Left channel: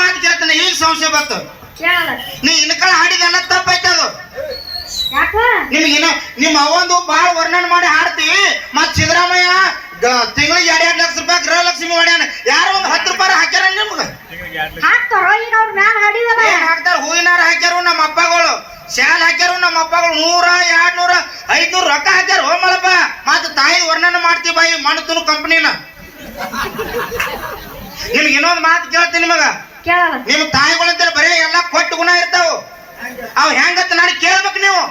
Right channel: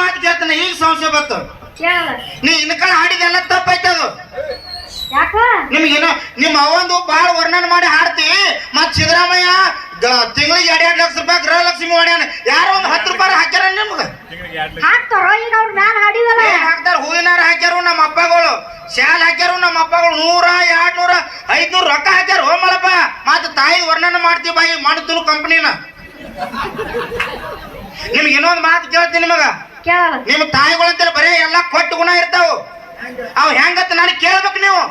ಮಾತು ಕೇಳ್ತಾನೆ ಈಗ ಸಮಸ್ಯೆ ಬಂತು ನೀ ಇನ್ನ ಕಡೆ ಹಾಡಿದೆಲ್ಲ ತಪ್ಪೈತೆ ಅದು. ಯಾಕೋ? ನಿಮ್ಗೇನ ನಿಮ್ಮ ಅವಂದು ಬಾಳ ವರ್ಣನೆ ಮಾಡಿ ಹಾಡ್ತಿ. ಮತ್ ಸಿದ್ದರಾಮಯ್ಯ ತಿಂಗಳಿಗೆ ಎರಡ್ ಎರಡ್ ಲಕ್ಷ ರೂಪಾಯಿ ಗೃಹಲಕ್ಷ್ಮಿ ಮಾಡ್ಯಾನ. ಯಾರೋ ಒಂದ್ ಹತ್ತು ರೂಪಾಯಿ ಹಾಕ್ಯಾರ ನಿಮ್ಗೆ. ಹಾಕ್ತಾರೋ ಹೂವಿನಾರ ಹಾಕ್ಯಾರು ನಮ್ಮ ಅಪ್ಪಗಳು. ಶಾಲ್ ಹಾಕ್ಯಾರು ನಮ್ಮ ಅಪ್ಪಗಳು. ನೂರ ಎರಡ್ ನೂರ ಐದ್ನೂರ ರೊಕ್ಕ ಹಾಕ್ಯಾರ. ಹೋ ಮಳಪ್ಪ ಮತ್ ತಾಯಿ ವರ್ಣನೆ ಮಾಡ್ತೀವಿ ಬಾಯಿ ಮಾಡ್ತು ಕಂಪ್ನಿನ ನಿಮ್ಗೆ ಇನ್ನೊಂದು ಮಾತು ಕೇಳ್ತೀನಿ ನಿಮಗ. ನಿಮ್ ತಾಯಿಗಳಂತ ಬರೀ ಎಲ್ಲಾ ಕೊಟ್ಟು ಗುಣ ಇರ್ತಾವ. ಅವ್ ಹೆಂಗತ್ತ ನಾನು ಕೇಳ್ಬೇಕು ನೀವು.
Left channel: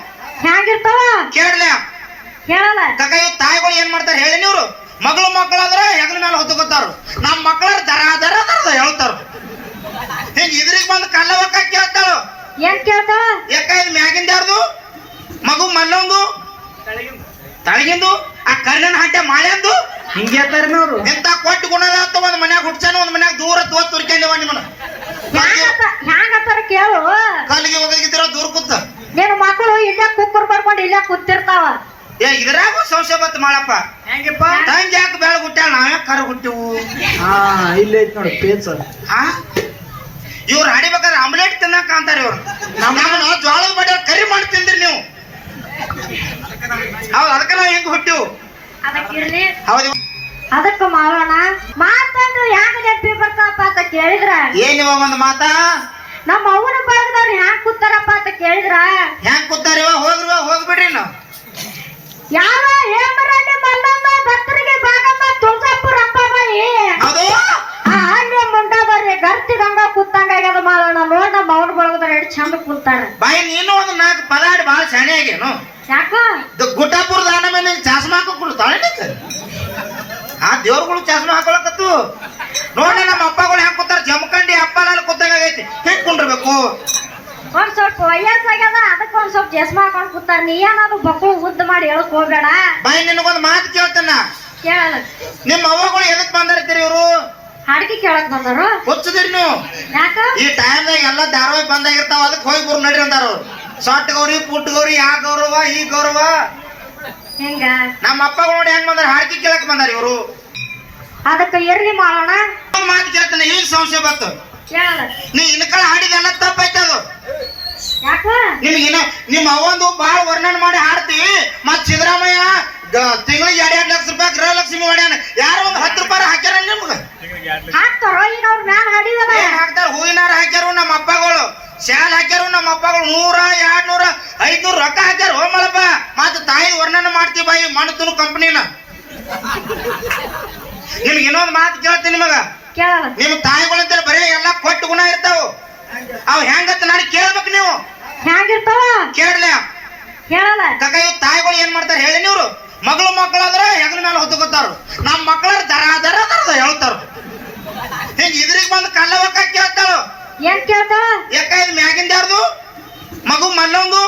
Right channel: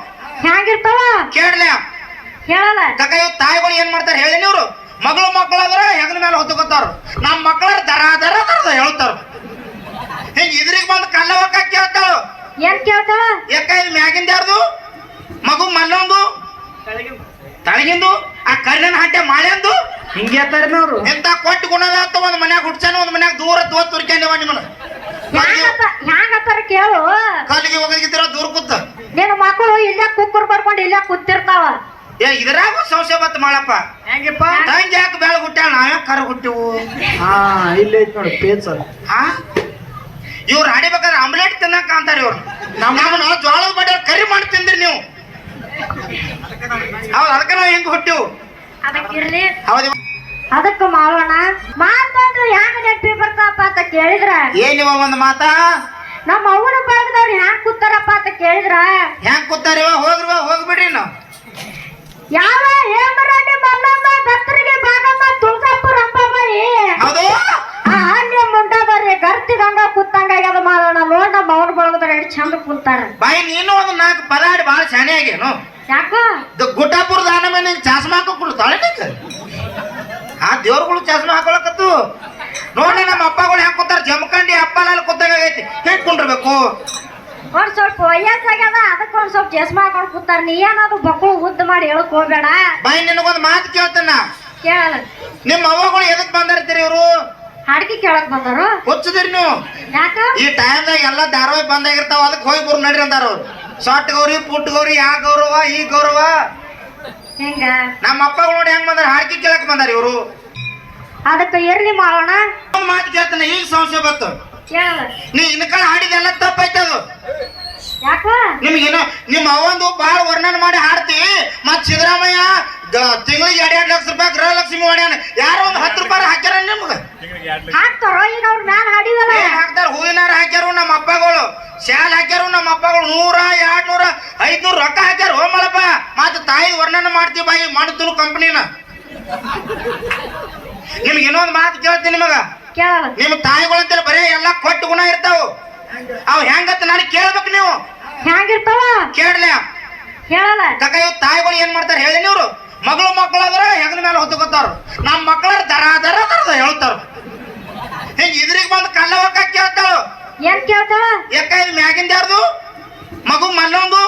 ಹೆಂಗಿರ್ತಾವ ಕೇಳಲ್ಲ. ಹೇಳಲ್ಲ ಕಕ್ಕ ಇವ್ ತಾಯಿಗಳು ಏನ್ ಮಾಡ್ತಾರೆ ಹೇಳಿ ನೀವು ಮಗಳು ಮಕ್ಕಳಾದ್ರ ಹೆಗಲ ಮೇಲೆ ಹೊತ್ತುಕೊತಾರ ನಮ್ಮ ಮಕ್ಕಳ ದರ ದರ ದರದ ಹೇಳ್ತಾರ ಹಿಂಗ ಇದ್ರಿಗೆ ಬಂದು ಕಲ್ಲ ಒಕ್ಕ ಕೇಳ್ತಾಳು. ಏನ್ ಕೇಳ್ತಾಳ? ಯಾಕ ಇದು ಮ್ಯಾಗಿಂದ ಯಾರ್ದು? ಮಗು ಮಲ್ಲೊಂದು. ತಳಗಿಂದು. ಆ ಕರ್ಣನ ಹಂಟೆ ಮಾಳ್ಯಂದು ಹಿಂಗೆ ಹೇಳ್ತಾರೇನು ಅವ್ರು. ಎಂತ ಕೊಟ್ಟು ಗುಣದ ಒಂದು ಒಂದ್ ಮನ್ಯಾಗ ಹುಡ್ಸಾನ ಒಂದ್ ಮನ್ಯಾಗ ದೂರ ತೋತ್ ತುರ್ಕೊಂಡೇವ ನಿಮ್ಮನ್ನ. ಹ್ಯಾಂಗತ್ತ ಹ್ಯಾಂಗತ್ತಾರ ಕೇಳು. ಕಾಲಿಗೆ ಹೋಗಿದ್ರ ದೂರ ಕೂತ. ನಿನ್ನ ಮಕ್ಕಳು ಇಲ್ಲೇ ಕುಕ್ಕರ್ ಪಡ್ಕೊಂಡು ಇಲ್ಲೇ ಕೂತಿರ್ತಾವ. ಏ ಇದ್ರಾಗ ಸಂಶಯ ಬತ್ ಮಾಡಪ್ಪ ಹೆಂಗಪ್ಪ? ತಂಗಿ ಯಾಕೆ ಬೆಳಗ್ ಹುಟ್ಟಾಳ ನಾವ್ ಕರ ಹುಟ್ಟಿವು? ಹಾ ಇಲ್ಲೇ ಐತ್ ನೋಡಿ ಪೇಚ ಹಾ? ಇವ್ರು ಆಡಿಬೇಕಾದ್ರೆ ಆಮ್ಲೆಟ್ ತಿನ್ನಕ ಅಂತಾರೆ ಇವ್ರು. ನಮ್ಮನ್ನ ಜೋಳದ ಬಡ ಕರಿ ಮಾಡಿ ತಿಂದ್ರಿ ನೀವು. ಹೌದು ಅದಕ್ಕೆ ನಾವು ಹೆಂಗ್ ಹುಟ್ಟಿವು? ಅದಕ್ಕ ಮಾಡೋಣ ಮಾತಂದ್ರು ಯಾಕ ನೆನಪಿ ಬರ್ತಾವಪ್ಪ ಅಂತ ಕೇಳಿದ್ರ? ಏನು ಒಂದು ಮಾತಾ? ನಮ್ಮ ಅವನ ಭಾಗದವ್ರು ಹ್ಯಾಂಗ ಕೂತಾರಪ್ಪ ಅಂತ ಕೇಳಿದ್ರ? ಹೆಂಗ್ ಕೂತಾರ ಹೋಗ್ರಿ ಹೋಗ್ಬಿಡ್ರಿ ನಾವು ಯಾವ ಹೇಮರಾಣಿ ಮಲ್ಲಮ್ಮ ಭಕ್ತರಿಗೆ ಭಾಗಮ್ಮ ತುಳಸಾಪುರ ಅಪ್ಪಬಾಯಿ ಹೌದು. ಆ ಆನ್ಯ ಮುಂಡದವ್ರಿ ಗರ್ತಿ ಗಂಗ ಕೂತಂಗ ಆಗ್ಯದ ಮಾಡೋಣ ನೋಡ್ ನಮ್ಮ ಅವನ ಬಳಗದ್ರ ಎರಡು ಚಂದ ಕೂತಾರ. ಬಾಯಿ ನೀನು ಒಂದು ನಾಲ್ಕು ಪದ ಹಾಡಿ ಭಾಳ ಚೆನ್ನಾಗಿ ಆಗ್ಯಾನು. ಯಾಕ? ನೋಡ. ನಮ್ಮ ಅಪ್ಪಗಳು ಹೆಂಗ್ ಕೂತಾರ? ಜಮಖಂಡಿ ಅಪ್ಪಲ ಕೂತಾಗ ಐತಿ ಹೆಂಗ್ ಕುಂಡ್ರಬೇಕು? ಒಂದ್ ಸ್ವಲ್ಪ ವಯಸ್ಸಾಗ್ಯದ ಅದಕ್ಕೆ ಒಂದ್ ಸ್ವಲ್ಪ ಜಸ್ಮ ಹಾಕೊಂಡ್ ಕೂತಾರ. ನೀ ಏನಾದ್ರು ಬಕ್ಕಳು ಉದ್ದ ಮಾಡಿ ಹೇಳಕ್ ಹೋಗ್ಬೇಡ. ಬಾಯಿ ನಿನಗೊಂದು ಮಾತು ಕೇಳ್ತಾನ. ಕೇಳ. ನಿಮ್ಮ ಅವ್ವಗಳು ಎದಕ್ ಬಂದಿರ್ತೀರಿ ಇವರು? ಹಾಡ್ಕಿ ಕೇಳಕ್ ಬಂದರು. ಹುಚ್ಚದಿರಿ ನೀವು. ಯಾಕ? ಈ ಟೈಮ್ದಾಗ ಎಲ್ಲ ಧಾರಾವಾಹಿ ಬಂದಾಗಿರ್ತಾವ ಅದಕ್ಕೆ ಹೋಗಿ ಬರು ನಡ್ರಿ ಅಂತಾರ ಅವ್ರು ಗೌರಿ ಪುಟ್ ಗೌರಿ ಆ ಗೌರವ ಈ ಗೌರವ. ಹೆಂಗ? ನಮ್ಮ ಅಪ್ಪಗಳು ನೋಡಿ ಹೆಂಗ್ ಬಂದಾರ? ಹಾಡ್ಕಿ ಕೇಳಕ್ ಬಂದಾರ ಇವರು. ಅದಕ್ಕ ಇರ್ಲಿ ಮಾಡೋಣ. ಮಾತು ಕೇಳ್ತಾನೆ ಈಗ ಸಂಶಯ ಬತ್ತು ಕೇಳ ನೀ ಇನ್ನ ಕಡೆ ಹಾಡಿದೆಲ್ಲ ತಪ್ಪೈತೆ ಅದು. ನಿಮ್ಗೇನ ನಿಮ್ಮ ಅವಂದು ಬಾಳ ವರ್ಣನೆ ಮಾಡಿ ಹಾಡ್ತಿ. ಮತ್ ಸಿದ್ದರಾಮಯ್ಯ ತಿಂಗಳಿಗೆ ಎರಡ್ ಎರಡ್ ಲಕ್ಷ ರೂಪಾಯಿ ಗೃಹಲಕ್ಷ್ಮಿ ಮಾಡ್ಯಾನ. ಯಾರೋ ಒಂದ್ ಹತ್ತು ರೂಪಾಯಿ ಹಾಕ್ಯಾರ ನಿಮ್ಗೆ? ಹಾಕ್ತಾರೋ ಹೂವಿನಾರ ಹಾಕ್ಯಾರು ನಮ್ಮ ಅಪ್ಪಗಳು. ಶಾಲ್ ಹಾಕ್ಯಾರು ನಮ್ಮ ಅಪ್ಪಗಳು. ನೂರ ಎರಡ್ ನೂರ ಐದ್ನೂರು ರೊಕ್ಕ ಹಾಕ್ಯಾರ. ಮಳಪ್ಪ ಮತ್ ತಾಯಿ ವರ್ಣನೆ ಮಾಡ್ತೀವಿ ಬಾಯಿ ಮಾಡ್ತು ಕಂಪ್ನಿನ ನಿಮ್ಗೆ ಇನ್ನೊಂದು ಮಾತು ಕೇಳ್ತೀನಿ ನಿಮಗ. ನಿಮ್ ನಿಮ್ಮ ಅಂತ ಬರೀ ಎಲ್ಲಾ ಕೊಟ್ಟು ಗುಣ ಇರ್ತಾವ. ಅವ್ ಹೆಂಗತ್ತ ನಾನು ಕೇಳ್ಬೇಕು ನೀವು. ಹೆಂಗಿರ್ತಾವ? ಕೇಳಲ್ಲ. ಹೇಳಲ್ಲ ಕಕ್ಕ ಇವ್ ತಾಯಿಗಳು ಏನ್ ಮಾಡ್ತಾರೆ ಹೇಳಿ ನೀವು ಮಗಳು ಮಕ್ಕಳಾದ್ರ ಹೆಗಲ ಮೇಲೆ ಹೊತ್ತುಕೊತಾರ ನಮ್ಮ ಮಕ್ಕಳ ದರ ದರ ದರದ ಹೇಳ್ತಾರ ಹಿಂಗ ಇದ್ರಿಗೆ ಬಂದು ಕಲ್ಲ ಒಕ್ಕ ಕೇಳ್ತಾಳು. ಏನ್ ಕೇಳ್ತಾಳ? ಯಾಕ ಇದು ಮ್ಯಾಗಿಂದ ಯಾರ್ದು? ಮಗು ಮಲ್ಲೊಂದು.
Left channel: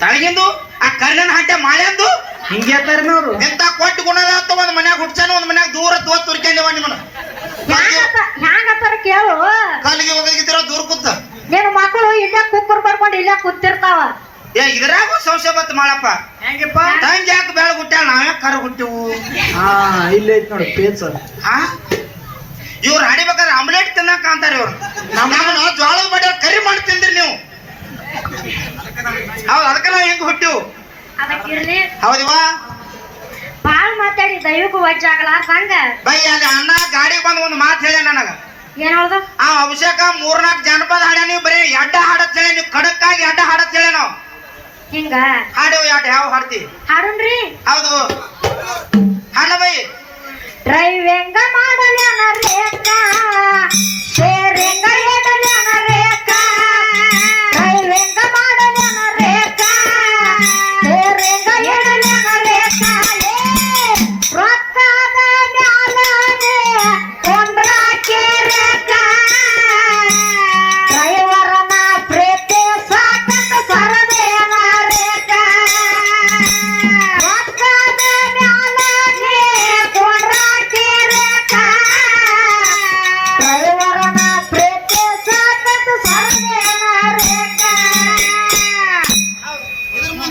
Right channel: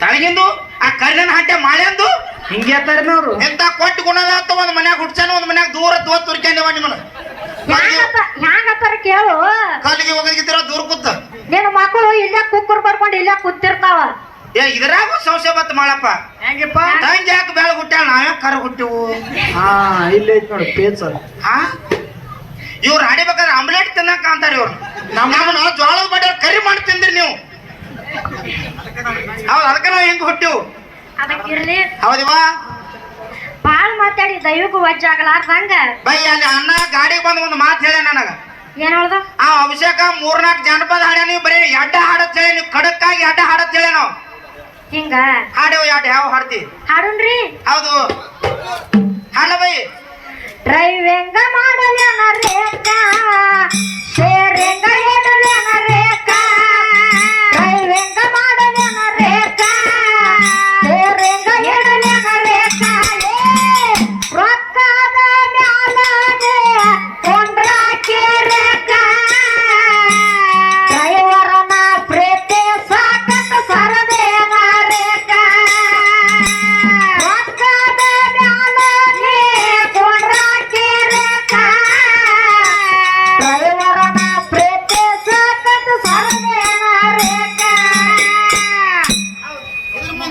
ತಳಗಿಂದು. ಆ ಕರ್ಣನ ಹಟ್ಟೆ ಮಾಳ್ಯಂದು. ಹಿಂಗೆ ಅವ್ರು ಎಂತ ಕೊಟ್ಟು ಗುಣದ ಆತ ಒಂದ್ ಮನ್ಯಾಗ ಹುಡ್ಸಾನ ಒಂದ್ ಮನ್ಯಾಗ ದೂರ ತೋತ್ ತುರ್ಕೊಂಡೇವ ನಿಮ್ಮನ್ನ. ಹ್ಯಾಂಗತ್ತ ಹ್ಯಾಂಗತ್ತಾರ ಕೇಳು. ಕಾಲಿಗೆ ಹೋಗಿದ್ರ ದೂರ ಕೂತ. ನಿನ್ನ ಮಕ್ಕಳು ಇಲ್ಲ ಕುಕ್ಕರ್ ಪಡ್ಕೊಂಡು ಇಲ್ಲ ಕೂತಿರ್ತಾವ. ಏ ಇದ್ರಾಗ ಸಂಶಯ ಬತ್ ಮಾಡಪ್ಪ ಹೆಂಗಪ್ಪ? ತಂಗಿ ಯಾಕೆ ಬೆಳಗ್ ಹುಟ್ಟಾಳ ನಾವೇ ಕರ ಹುಟ್ಟಿವು? ಹಾ ಇಲ್ಲೇ ಐತ್ ನೋಡಿ ಪೇಚ ಹಾ ಇವ್ರು ಹಾಡಿಬೇಕಾದ್ರೆ ಆಮ್ಲೆಟ್ ತಿನ್ನಕ ಅಂತಾರ ಇವ್ರು. ನಮ್ಮನ್ನ ಜೋಳದ ಬಡ ಕರಿ ಮಾಡಿ ತಿಂದ್ರಿ ನೀವು. ಹೌದು ಅದಕ್ಕೆ ನಾವು ಹೆಂಗ್ ಹುಟ್ಟಿವು. ಅದಕ್ಕಿರ್ಲಿ ಹೌದಿವಾ ಬಾಳ್ ಮಾತಾಡಿ ದೈವಕ್ಕೂ ವಜ್ಜಾಗಲಾರ್ದಂಗ ಬೈ ಅಲ್ಲಿ ಅಣ್ಣ ಗಾಡಿ ಬಂದು ಒಂದು ಮಾತು ಹೇಳ ನನಗ. ಏನ್ ಹೇಳ್ದ? ಆ ಅಭಿಷೇಕ ಮೂರ್ನಾಲ್ಕು ಜನಪದ ಹಾಡ ನೀವು ಬರೀ ಎಡ್ಡ ಹಾಡತ್ ಹೇಳಿ ನೀವು ಖಡಕ್ಕಾಗಿ ಎಡ್ಡ ಹಾಡತ್ ಹೇಳಿ ನಾವು. ಹಿಂಗ? ಹಾಡೇವು ಎಡ್ ಯಾವ ಹಾಡ್ತಿ. ಹಾಡುನ್ರಿ. ಹೌದು.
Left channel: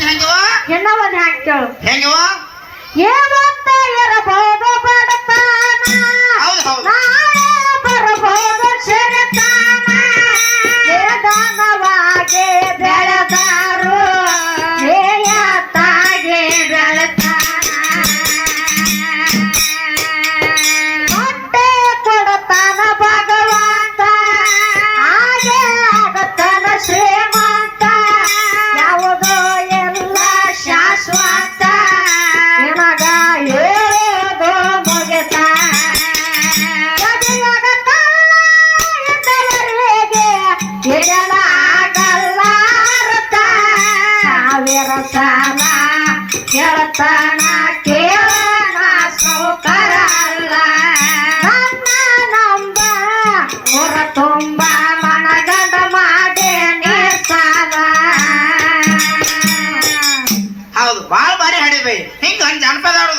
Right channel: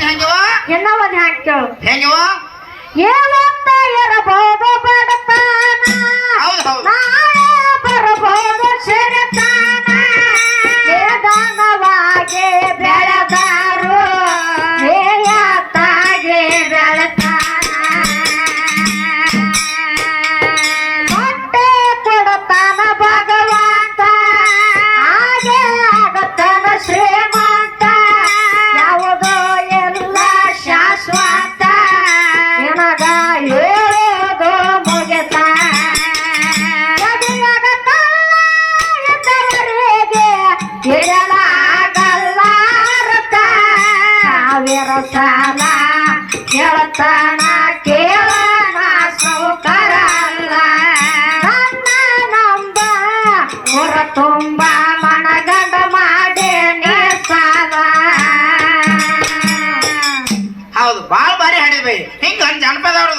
ಹೆಂಗವ? ಇನ್ನೂ ಒಂದು ಹಾಡು ಕೇಳು ಬೆಳೆದ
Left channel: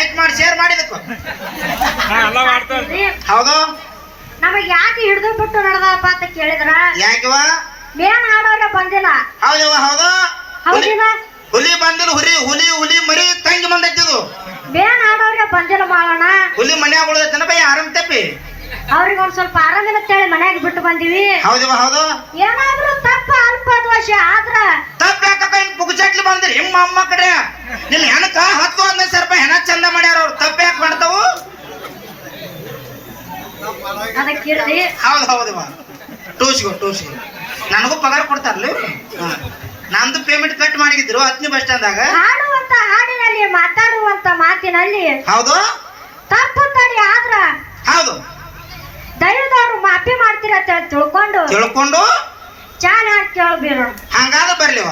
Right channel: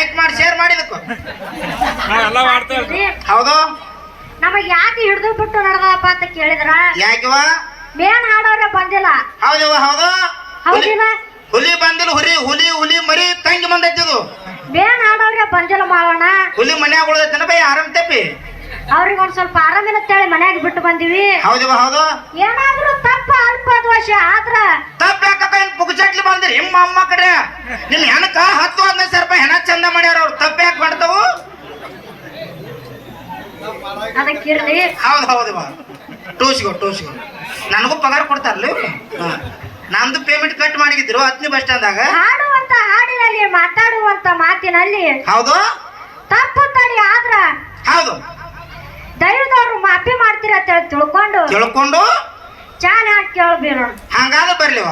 ಲೈಕ್ ಮಾಡಿ ಶೇರ್ ಮಾಡಿದಕ್ಕು ಹೌದು. ನಮಗ್ ಯಾಕೆ ಹಿಡಿದು ಬಿಟ್ಟು ನಡೆದಪ್ಪ ಅಂತ ಕೇಳಿದ್ರ? ಯಾಕಿವ? ಮೇನ್ ಆಡೋರೆ ಬಂದಿಲ್ಲ. ಹೌದವ ಹೌದು. ಹುಲಿ ಹೌದಿಲ್ಲ. ಹುಲಿ ಬಂದಿಲ್ಲ ಹುಲಿ ಹುಲಿ ಹುಲಿ ಮರಿ ತಂಗಿ ಬಂದೈತಿದು ಮೇನ್ ಆಡೋರೆ ಬಂದಿಲ್ಲ ಮಾವಣ್ಣ. ಹುಲಿ ಮನ್ಯಾಗ ಉಳಿದೈತನ ಬೈ ಆರಾಮ್ ತಪ್ಪಿ. ಅವ್ರಿಗೆ ಒಂದ್ ಸ್ವಲ್ಪ ಆರಾಮಿಲ್ಲತ್ತೇಳಿ ಮನ್ಯಾಗ ಬಿಟ್ಟು ಬಂದಿವಿ. ಹೌದವ ಹೌದು. ಏನಾದ್ರೂ ತಪ್ಪ ಅಲ್ಪ ದೋಷ ಆದ್ರ ತಪ್ಪ ಯಾಕಪ್ಪ ಏನ್ ಪುಗ್ಚಟ್ಲಿ ಬಂದ್ರಿ? ನಿಮ್ಮ ಅಮ್ಮ ಕಡೆ. ನಿಲ್ ಹೆಣಕ ಹತ್ತು ಹದಿನೈದು ಸಾವಿರ ರೂಪಾಯಿ ಹೆಣ ಚಂದ ಮಾಡ್ಯಾರ ಅವ್ರು ತಪ್ಪ ಯಾಕೆ ಮಾಡ್ತಾವು ಅದಕ್ಕೆ ಹೌದು ಹೌದು ಬಾ ಟೂಸ್ಗೋ ಟೂಸ್ಗೋ ನನಗೂ ಪಗಾರ ಕೊಡ್ತಾರಲ್ಲ. ನಂದು ಪೇಮೆಂಟ್ ಕಟ್ ಮಾಡಿದ್ರು ಹತ್ತನೇ ಬಸ್ ಸ್ಟ್ಯಾಂಡ್ದಾಗ ಹಾಡುವಂತ ಹಾಡಿನಲ್ಲಿ ಮಾತಾಡುವಂತ ಮಾತಿನಲ್ಲಿ. ಹೌದು. ತಪ್ಪು ತಡಿ ಆದ್ರ. ಹೌದು. ದೈವದವ್ರು ಮಾಫಿ ಮಾಡ್ತೀರ ಅಂತ ತಿಳ್ಕೊಂಡು. ತಿಳ್ಕೊಂಡು. ಚಾನ್ ಹಾಕಿ ಕೇಳಬೇಡ. ಹಂಗಾದ ಬರ್ಲಿವ